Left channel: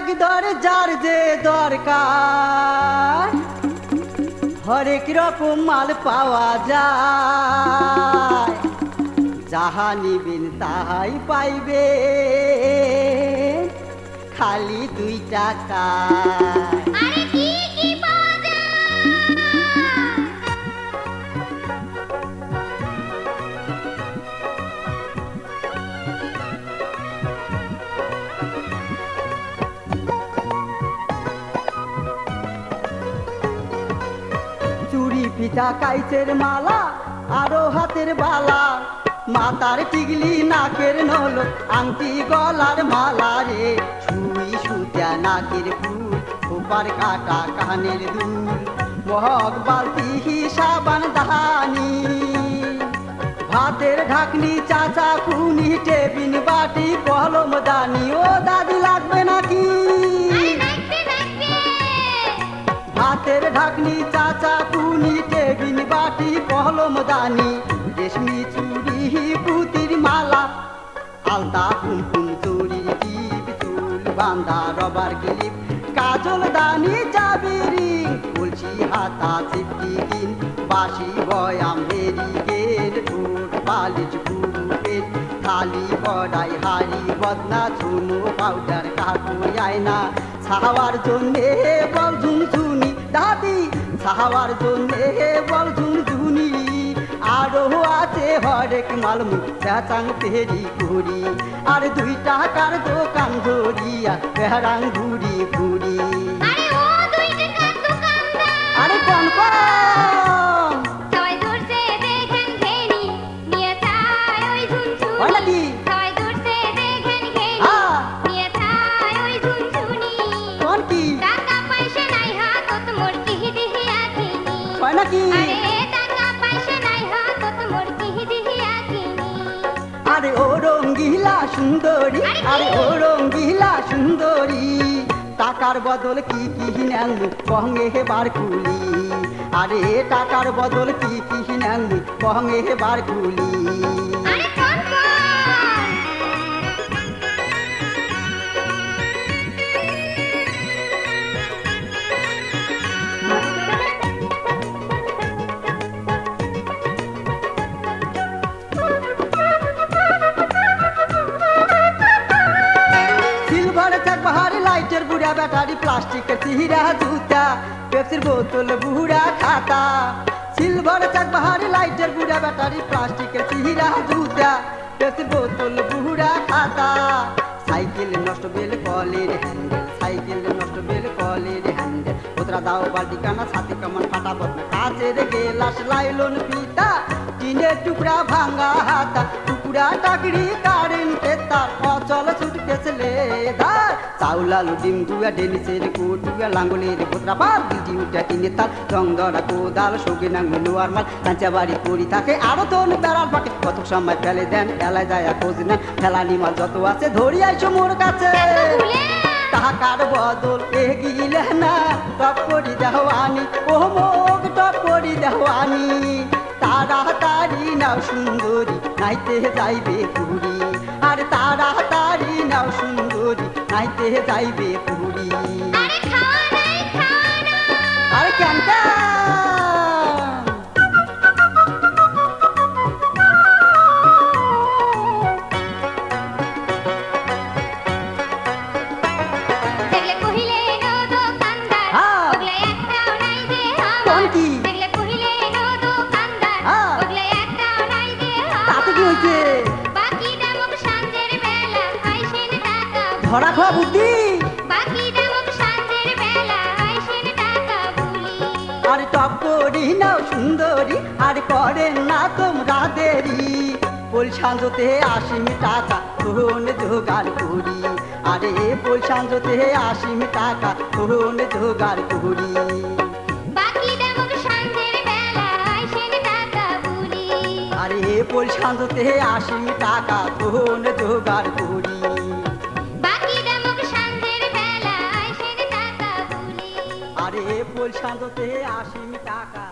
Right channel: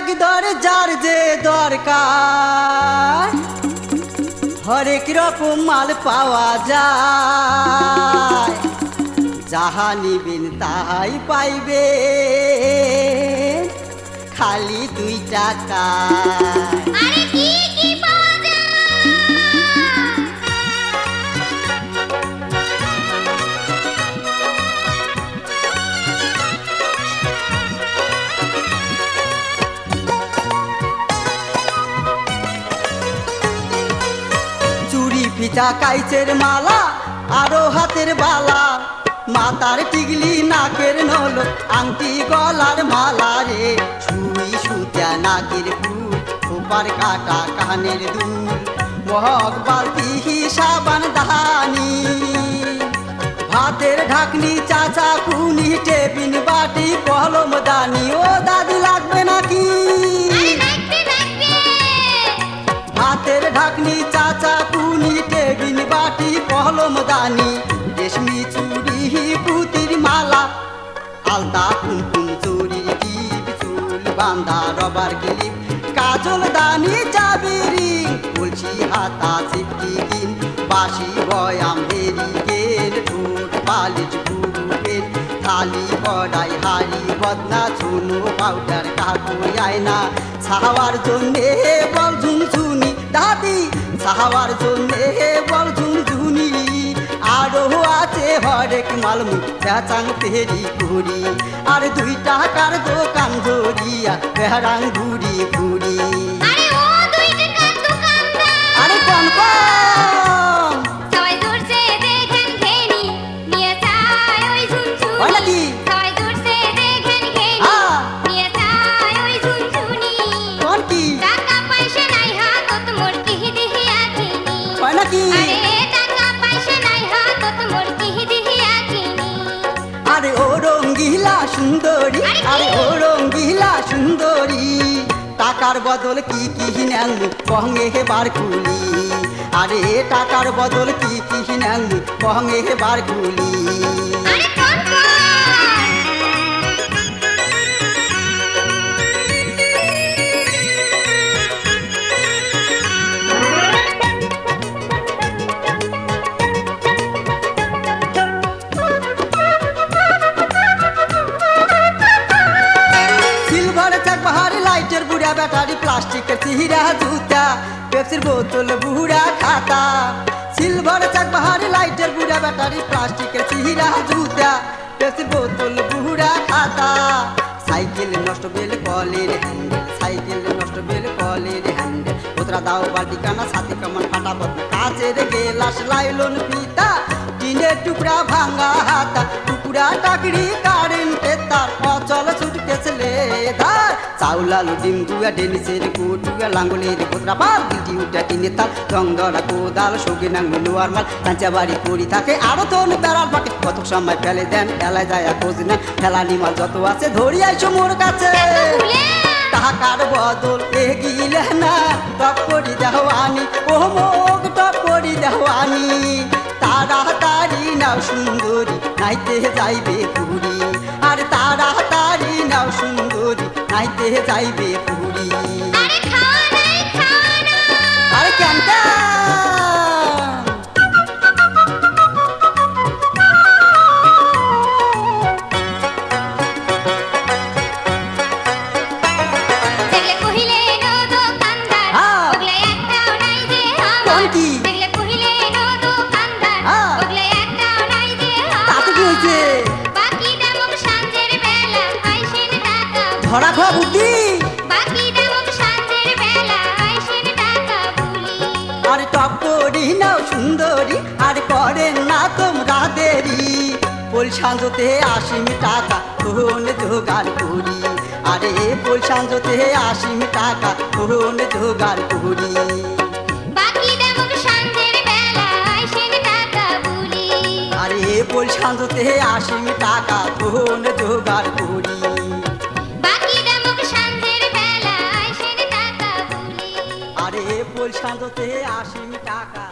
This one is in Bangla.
একদর যার যে দরকার হরেক রকম মাল পাওয়া যায়, যাহা নিবেন তাহাই পাইবে খালি 2 টাকা। চুরি পিঠা কাইচের মালা আরো হাতের বালা, মাথার টিগলি নাকের নল আংটি গলার মালা রে, সুই সুতা নাকের ফুল খোপার কাটা কানের দুল, মহক বালতি সাবান দাহানি, ভাতের ঢাকনি চাচা কুনি টেবিন বাটি কলম দানি। ও দাদি লাগবে নাকি? ভাতের ঢাকনি চাচা কুনি টেবিন বাটি কলম দানি, রেশমি চুড়ি পুতির মালা আলতা কুমকুম চুরির টিপ, চুল বান্দা রবার ক্লিপ, কাজল দানি চাবিরি, বলছি হাতা সিফটি কিন, বাসি বয়াম হেরিকের, ঠোঁট পালিশ পুরুপের, থালি কড়াই হাড়ি বদনা, চুনো পাউডার কাকুই আয়না, ছাওয়ার জন্যে বল ঝুনঝুনি দাদি, ছাওয়ার জন্যে বল ঝুনঝুনি, আরো আছে হরেক মালমুখ চাচাং তেরি কুড়ি, আর 2 টাকার দোকান ধরিয়া বেহারাং ঘুরি ঘুরি। আরে কোন কোন নাকি? কোন কি নাকি? আরে ও রঙ্গিলা সুন্দরী, আরে ও রঙ্গিলা সুন্দরী, টাকার বদল কি কি নেন কহঙ্গে বার কুলি, আরে টাকার বদল কি কি নেন কহঙ্গে বার কুলি। লাইটের বুড়া ব্যাটারি, প্লাস্টিকের চিহিরা জুতা, পেপসির বোতল বুড়া খাতা, সিলভার চাক বাহারি লাইটের বুড়া ব্যাটারি, প্লাস্টিকের চিহিরা জুতা, পেপসির বোতল বুড়া খাতা, সাইকেল নষ্ট বেল কলের হ্যান্ডেল, সাইকেল নষ্ট বেল কলের হ্যান্ডেল, কোতরা দাও বালতি কানা সাথে কামান ফাটা বদনা, কাচের গেলাস লাইলন পিতা, টিনের টুকরা ভাঙা হাতা, টুকরা টাকরি কারেন্টের তার, অচল ছুটকেছ লেদার, চাউল আলু ডিম দুয়া ডেনিসের কুটুয়া, লাঙ্গলের কোতরা পাল দিদি উঠা টিনের তাল, রংধরা কোদাল সৌগি নাঙ্গ লোয়ার মাল, কাঁচা বাড়ি পড়ি থাকে আরো তোর বেড়াল পাকে, কত সময় ফেলে দেন ফেলায় যায় খোঁজ নেন, ফেলানি মাল যত আছে ধরি আইসো মোর কাছে, টাকার বদল এগিলে না টপ করি দেওয়ানি, ও মুখ টপ করি দেওয়ানি, তাড়াতাড়ি নাও সুন্দরী নাইতে যাইবে পুরী, আর তাড়াতাড়ি নাও সুন্দরী নাইতে যাইবে পুরী। আরে কেন ধরা খাওয়া বুদ্ধি, আর টপ করি নাও সুন্দরী, আর করেন না তোমরা দেরি, পোল সাঁজতে 80 টাকা কোন জোগাড় করি, আরে পোল সাঁজতে 80 টাকা কোন জোগাড় করি, আরে পোল সাঁজতে 80 টাকা কোন জোগাড় করি, আরে পোল সাঁজতে 80 টাকা।